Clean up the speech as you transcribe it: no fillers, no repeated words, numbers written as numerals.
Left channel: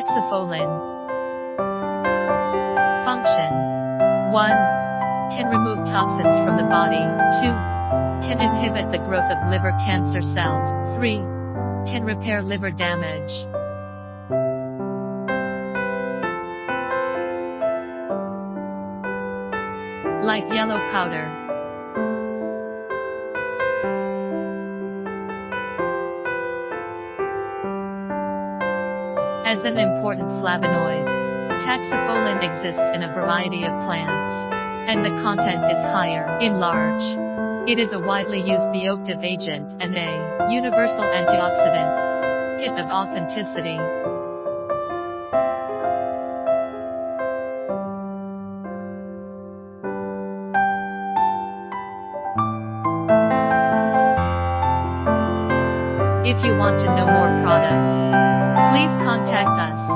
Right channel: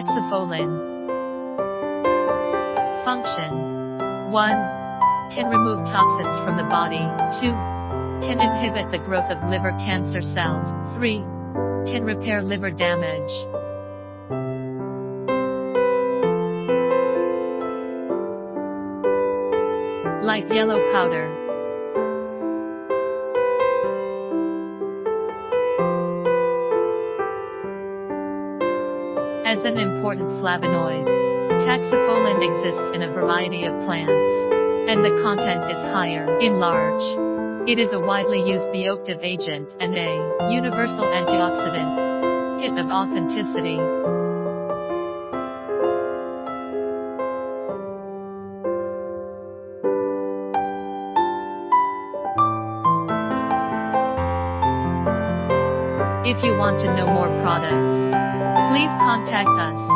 Taxifolin. Function: 1. Can remove toxins from the body. 2. Can inhibit the growth of liver cancer cells. 3. Can repair liver damage. Light yellow powder. As an important flavonoid, taxifolin exists in a variety of plants, and the content is higher in larch. It is a widely used bioactive agent and a universal antioxidant. Hit of authenticity. If you want to know more products, please contact us.